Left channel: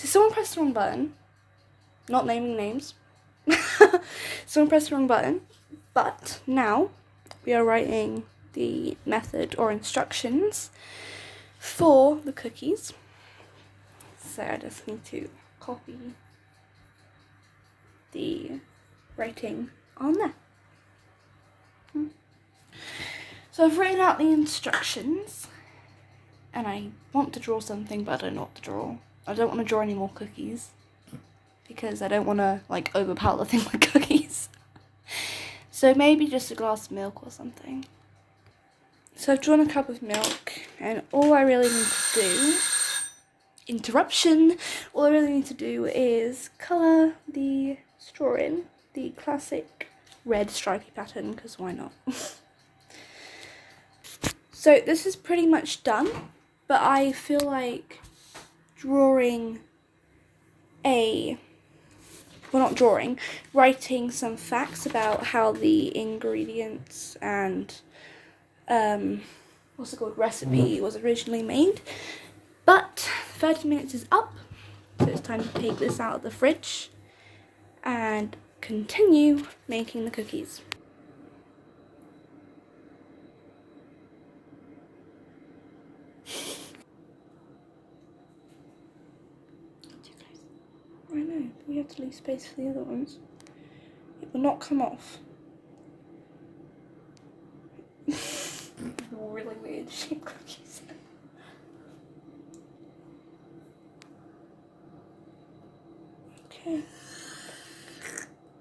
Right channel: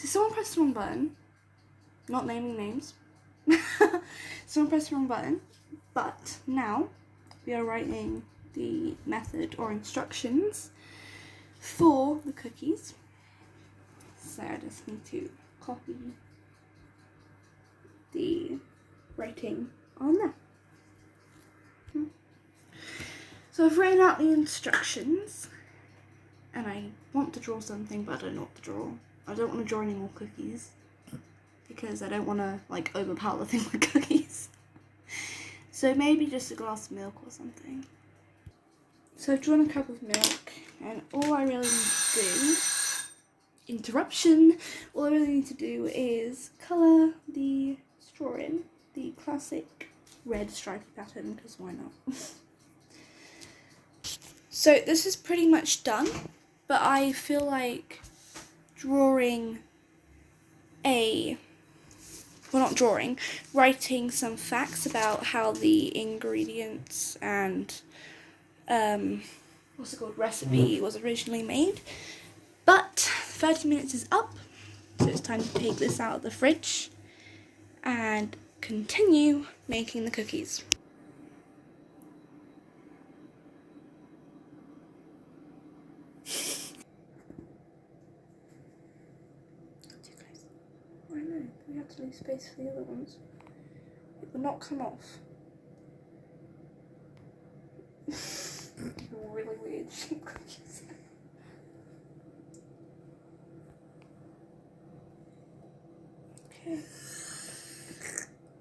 So someone pressed the wrong button. Not naming names. Someone pressed the wrong button. But now we are writing the method or instructions for the cookies. So I just need to copy the writing on there. So I've written out the instructions and I want to draw something, but I don't know what to draw. I don't want to draw any more cookies because I don't want to like overpower the thing with cookies. So maybe just a glass of milk or something. So I've drawn a cup of milk and all I really need to do, interruption, all I really need to do is colour the straw in the classic red stripy pattern, because why not? So this is pretty much done, but I feel like writing some facts about how the ingredients and recipe was originally made. But 30 minutes is up, so it's time to take this out of the fridge and continue making the cookies. Too close. I know, we have to leave space for the other ones. It will not come off. Really weird shaped cookies. Okay.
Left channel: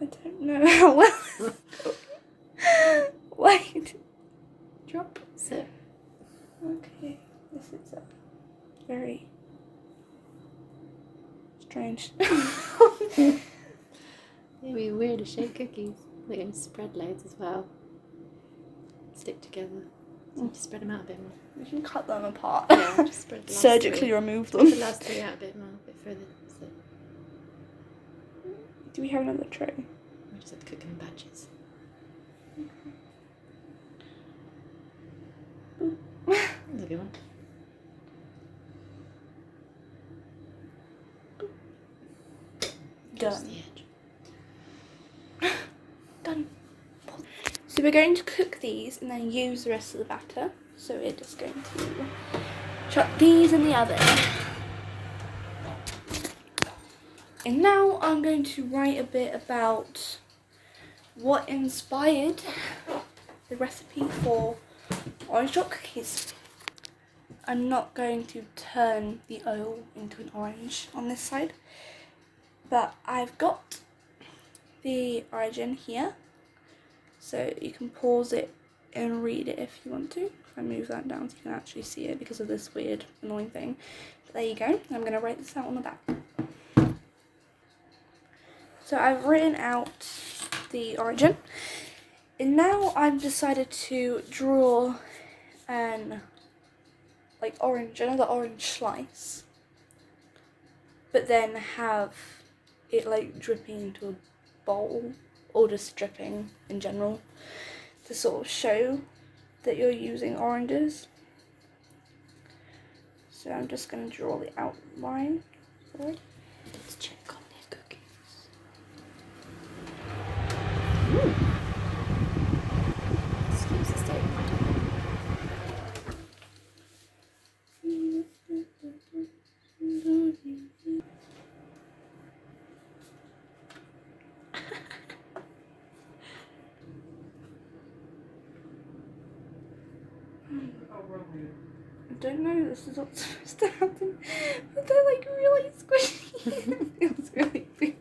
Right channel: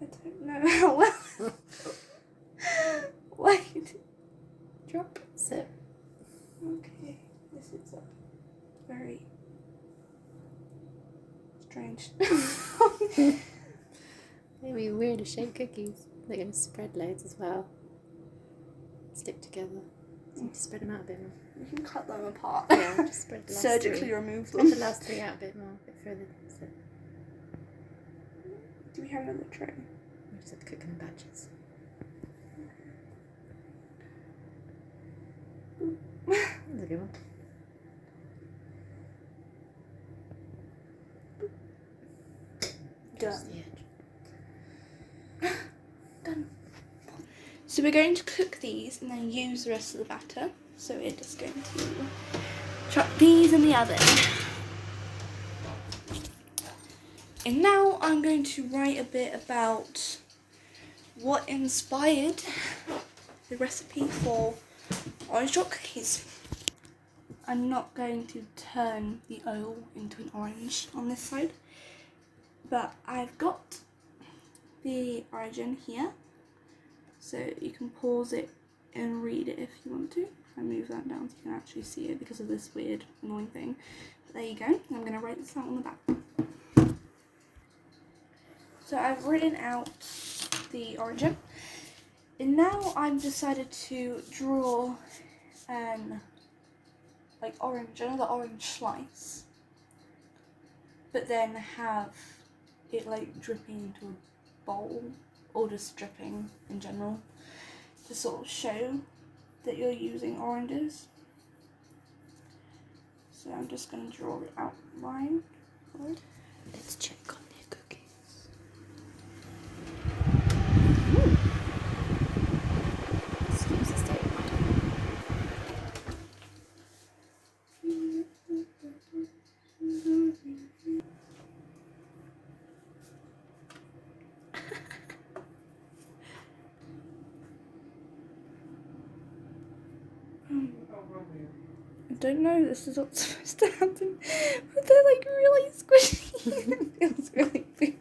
I don't know how well. Wait. Drop. Sit. Okay. This is very strange. Maybe weirder shaped cookies. They're going to spread loads as well. Stick together. So you just spread them out a bit more. You can cut them apart. Yeah, just spread the last Surgically three. remove Spread them. the last three out a bit more, a bit further. So Do we have another tray? we just have to cook them in batches. That's a good one. Just the edge. Done. So we're going to cook these and then use the rest of the batter. So we're just going to chuck these in the oven. And now I'm going to write a bit about what inspired the recipe for orange drop cookies. I'm not going to turn the oil into an orange on this side, but I've got the origin here, so you can pause it and read it if you want to. If I move that down so you can actually see it because of this weird annoying thing. But there you go. I'm going to write this out on the back. So I've written out the origin, and now I've decided to draw an another orange slice, but then have it like dripping into a bowl, or just dripping in general, to sort of show that you're using oranges. So I'm just going to draw the outline for it. Let's check on the cookie. Excuse the state of my hand. I don't know, this is what's supposed to happen, but they're like really squishy. It feels really big.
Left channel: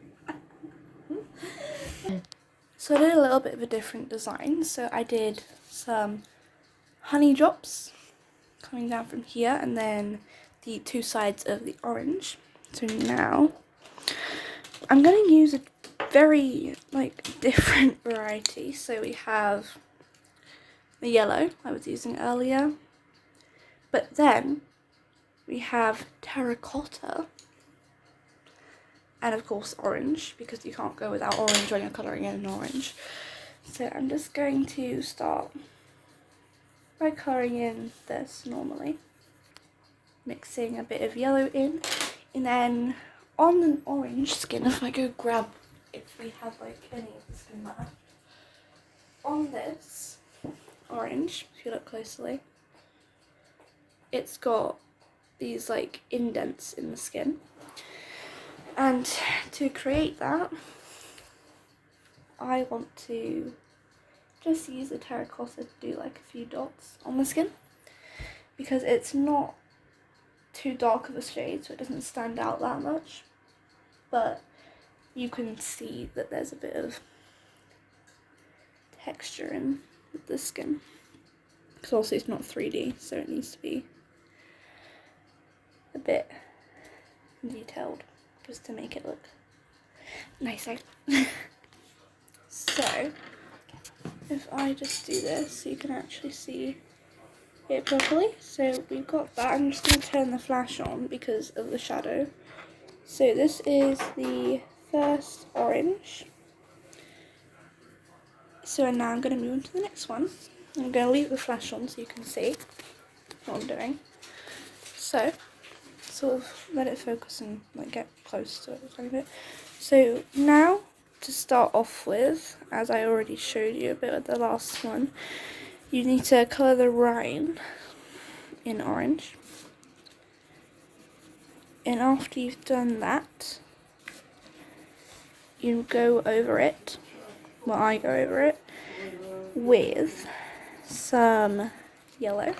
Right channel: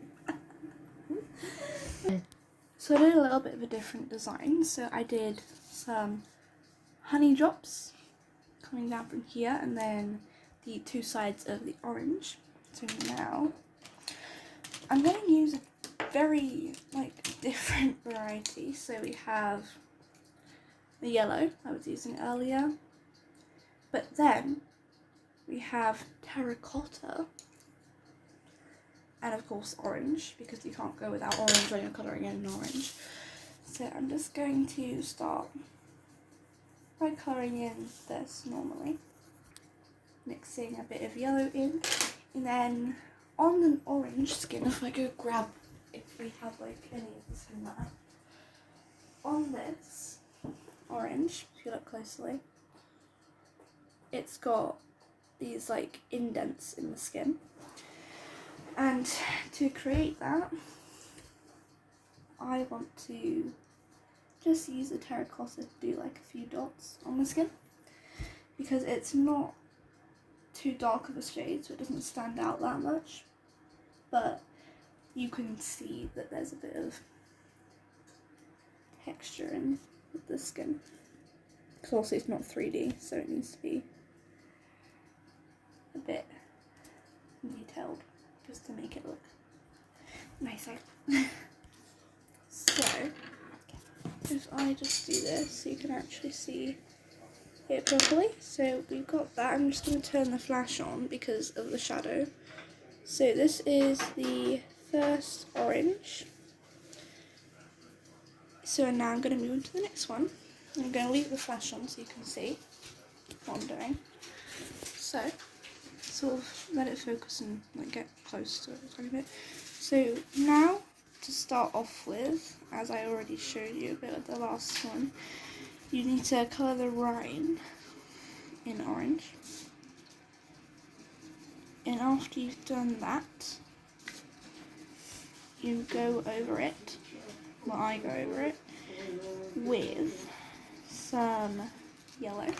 So I did a little bit of a different design. So I did some honey drops coming down from here, and then the two sides of the orange. So now I'm going to use a very different variety. So we have the yellow I was using earlier, but then we have terracotta, and of course orange, because you can't go without orange when you're colouring in an orange. So I'm just going to start by colouring in this normally, mixing a bit of yellow in, and then on an orange skin, if I go grab, if we have like any of the skin left, on this orange, if you look closely, it's got these like indents in the skin, and to create that I want to just use a terracotta to do like a few dots on the skin, because it's not too dark of a shade, so it doesn't stand out that much, but you can see that there's a bit of texture in the skin, because also it's not 3D, so it needs to be a bit detailed just to make it look nicer. So if I just do this, you can actually see it properly. So we've got that. I'm just going to turn the flash on because of the shadow. So this is the first orange. So now I'm going to move on to the next one. I'm going to leave the flash on so you can see what I'm doing. So sort of let it focus and like get close to it a little bit. So now, to start off with, as I already showed you a bit with the last one, you need to colour the rind in orange. And after you've done that, you go over it, well I go over it, with some yellow.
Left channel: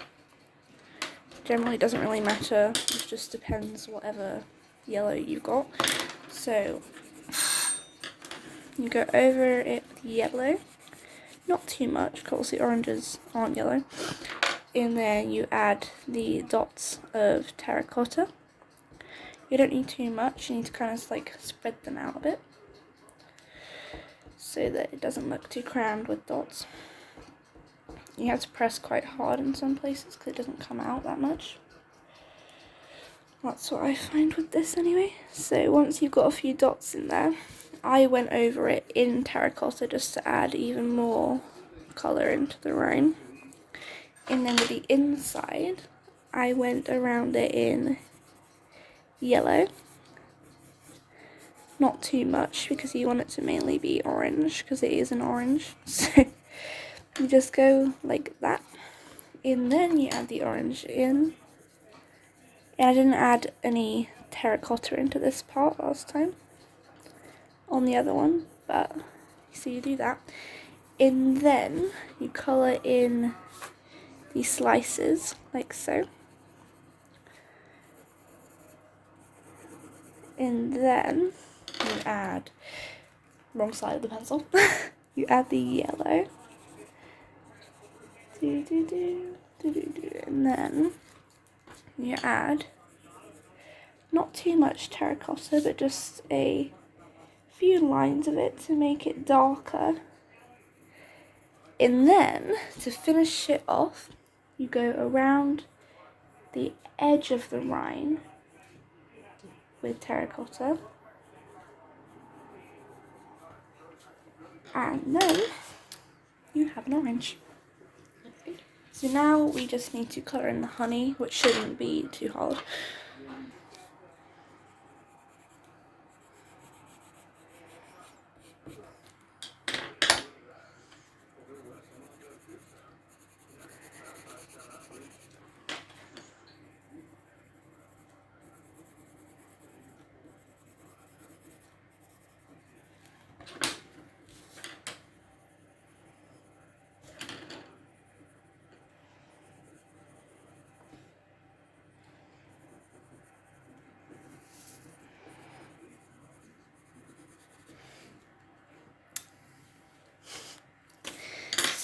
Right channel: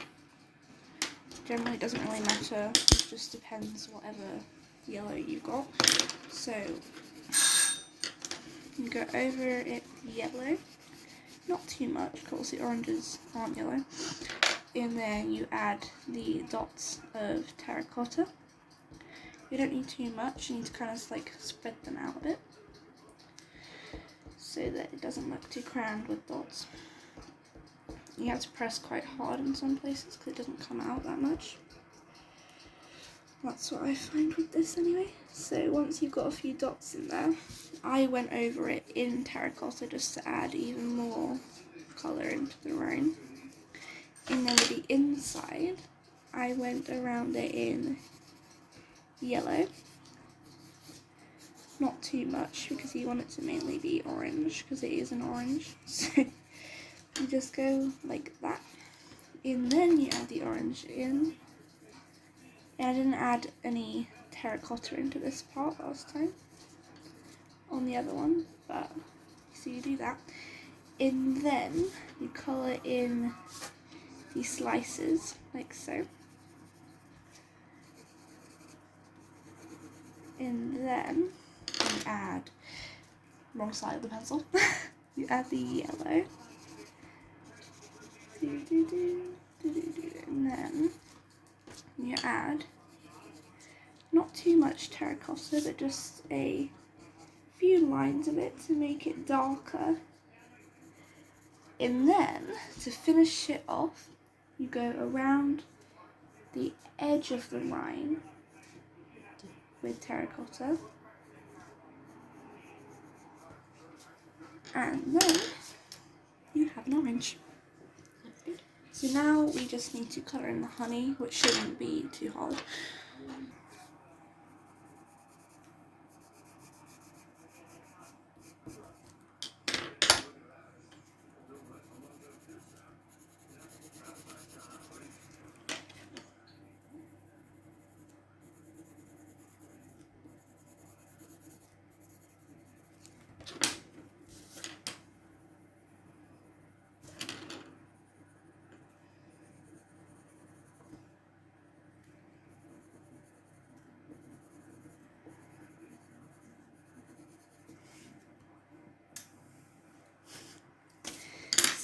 Generally doesn't really matter, it just depends whatever yellow you've got. So you go over it with yellow, not too much because the oranges aren't yellow, and then you add the dots of terracotta. You don't need too much, you need to kind of like spread them out a bit so that it doesn't look too crammed with dots. You have to press quite hard in some places because it doesn't come out that much. That's what I find with this anyway. So once you've got a few dots in there, I went over it in terracotta just to add even more colour into the rind. And then with the inside, I went around it in yellow. Not too much because you want it to mainly be orange because it is an orange. So you just go like that. And then you add the orange in. And I didn't add any terracotta into this part last time on the other one, but so you do that. And then you colour in these slices like so. And then you add, wrong side of the pencil, you add the yellow. And then you add not too much terracotta, but just a few lines of it to make it darker. And then to finish it off, you go around the edge of the rind with terracotta, and then you have an orange. So now we just need to colour in the honey, which shouldn't be too hard.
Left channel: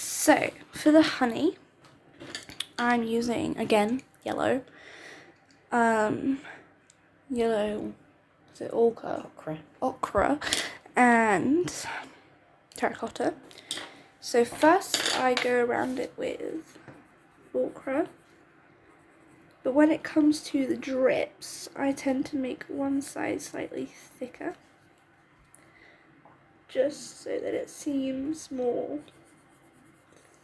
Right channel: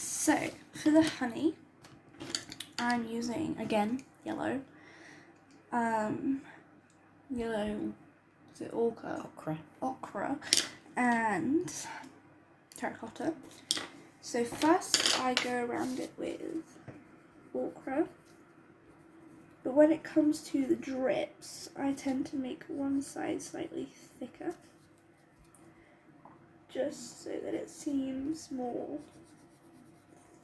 So for the honey, I'm using again yellow. Yellow, is it ochre, and terracotta. So first I go around it with ochre, but when it comes to the drips, I tend to make one side slightly thicker, just so that it seems more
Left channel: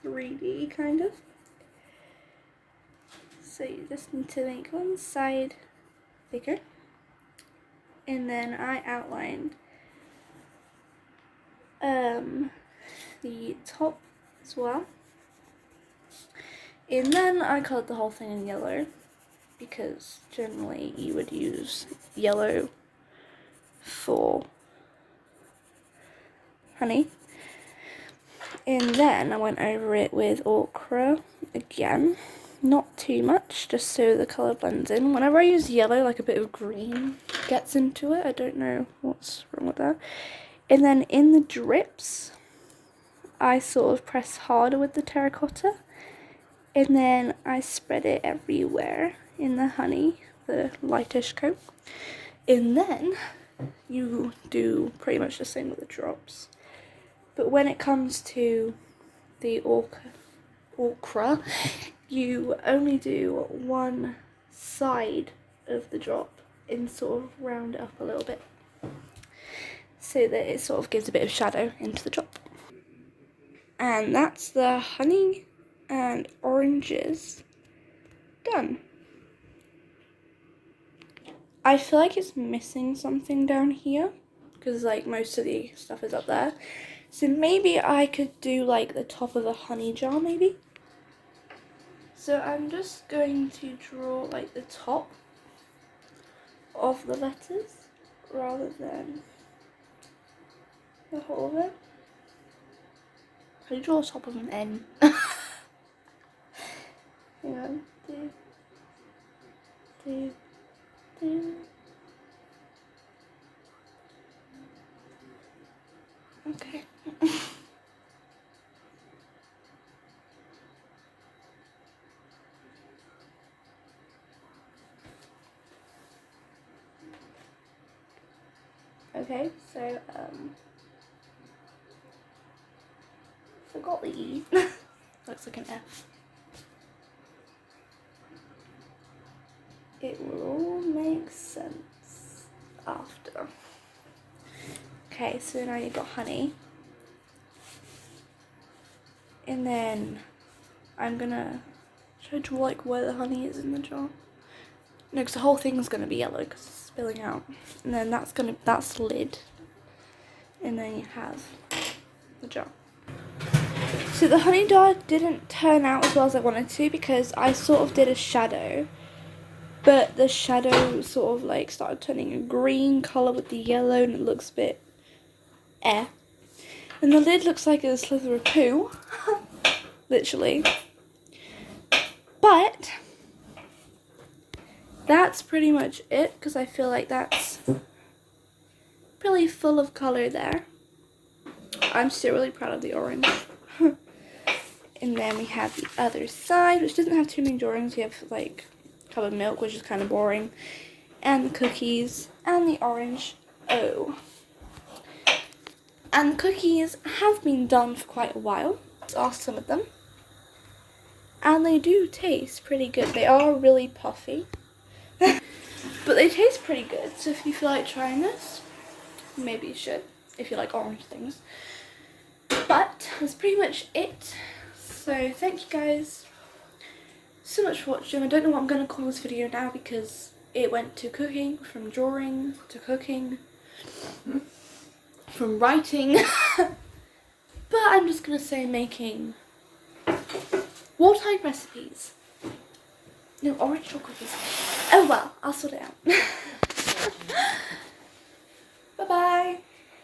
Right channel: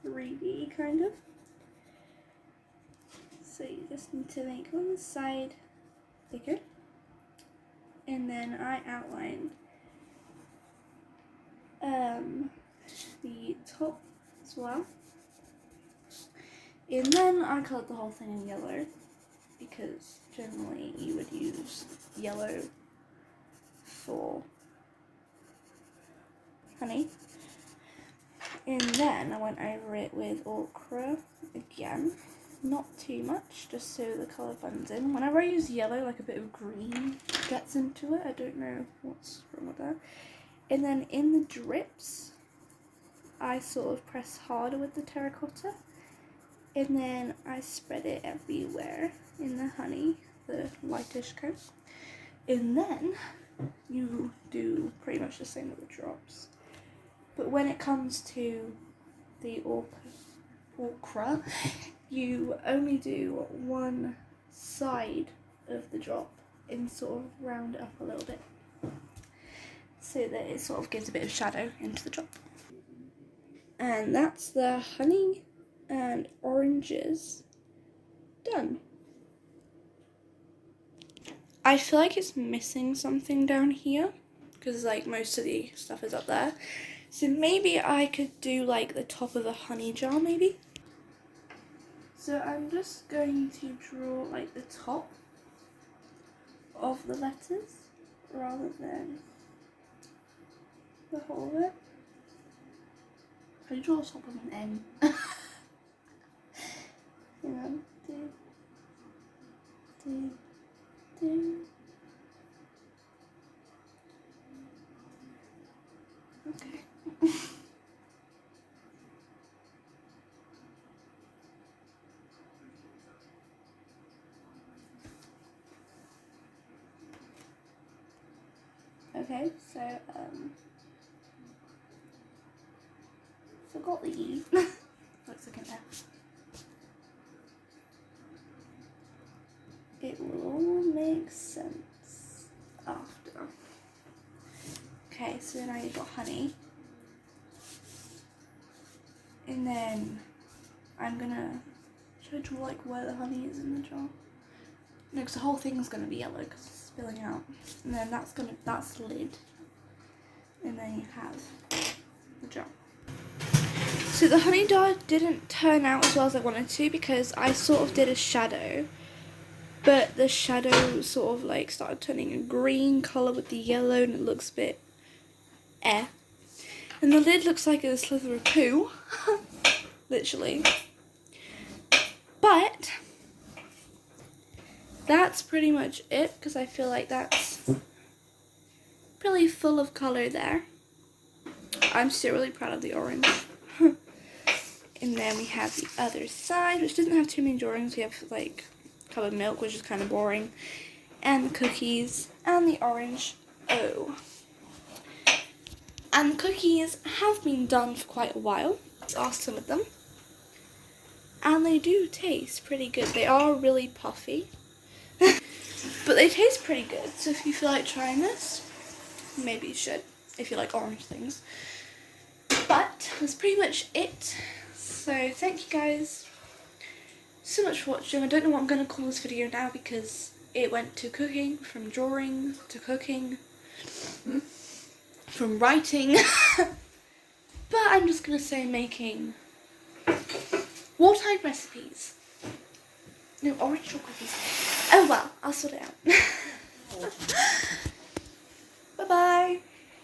3D kind of. So you just need to make one side thicker. and then I outlined the top as well. And then I coloured the whole thing in yellow, because generally you would use yellow for honey. And then I went over it with ochre again, not too much, just so the colour blends in. Whenever I use yellow, like a bit of green gets into it. I don't know what's wrong with that. And then in the drips, I sort of press harder with the terracotta, and then I spread it everywhere in the honey, the lightish coat. And then you do pretty much the same with the drops. But when it comes to the ochre, you only do one side of the drop and sort of round it up a little bit, so that it sort of gives a bit of shadow into the drop. And that's the honey and oranges done. I feel like it's missing something down here, because like most of the stuff is up there. So maybe I could do like the top of a honey jar maybe. So I'm just going to draw like the top of the letters rather than the whole of it. Can you draw the top of an N? Hang on. Do. Okay. Okay, so forgot the E. Looks like an F. It will all make sense after. Okay, so now you've got honey. And then I'm gonna try to draw like where the honey is in the jar. No, because the whole thing's gonna be yellow because it's spilling out. And then that's the lid. And then you have the jar. So the honey jar didn't turn out as well as I wanted to, because I sort of did a shadow, but the shadow sort of like started turning a green colour with the yellow, and it looks a bit And the lid looks like a slither of poo, literally. But that's pretty much it, because I feel like that's really full of colour there. I'm still really proud of the orange. And then we have the other side, which doesn't have too many drawings. We have like covered milk, which is kind of boring, and the cookies, and the orange O. And the cookies have been done for quite a while. Let's ask some of them. And they do taste pretty good. They are really puffy, but they taste pretty good. So if you feel like trying this, maybe you should, if you like orange things. But that's pretty much it. So thank you guys so much for watching. I don't know what I'm going to call this video now, because it went to cooking, from drawing to cooking, from writing. But I'm just going to say making wartime recipes. No, orange chocolate cookies. Oh well, I'll sort it out.